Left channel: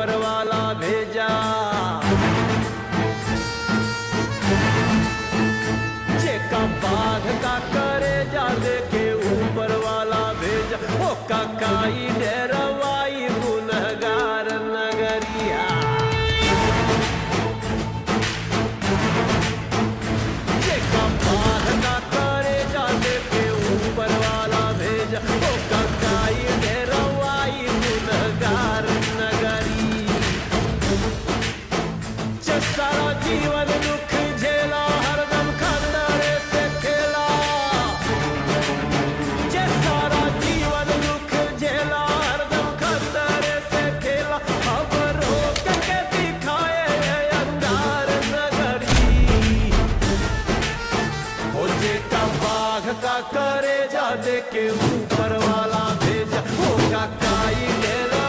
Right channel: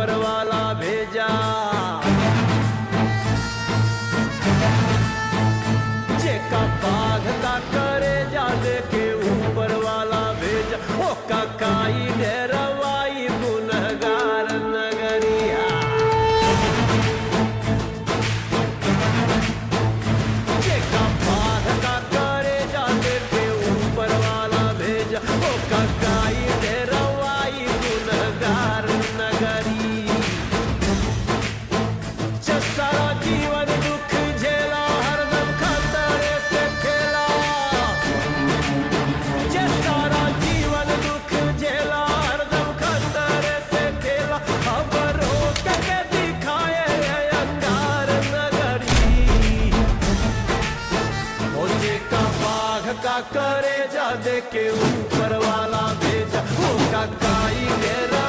ऊपर वाला भेजा। जेका बाघ का करे जा देके ऊपर वाला भेजा। ओ काकाई डेरवाई गुनहगार नगरिया। जेका बाघ का करे जा देके ऊपर वाला भेजा। ओ काकाई डेरवाई गुनहगार नगरी। सारा जीवन दुख झेला हरदम खतरे से खेला। जे सारा जीवन दुख झेला हरदम खतरे से खेला। अब रोक के दिखाए अंगार नगरी। हो जे का बाघ का करे जा दे के ऊपर वाला भेजा। ओ काकाई डेरा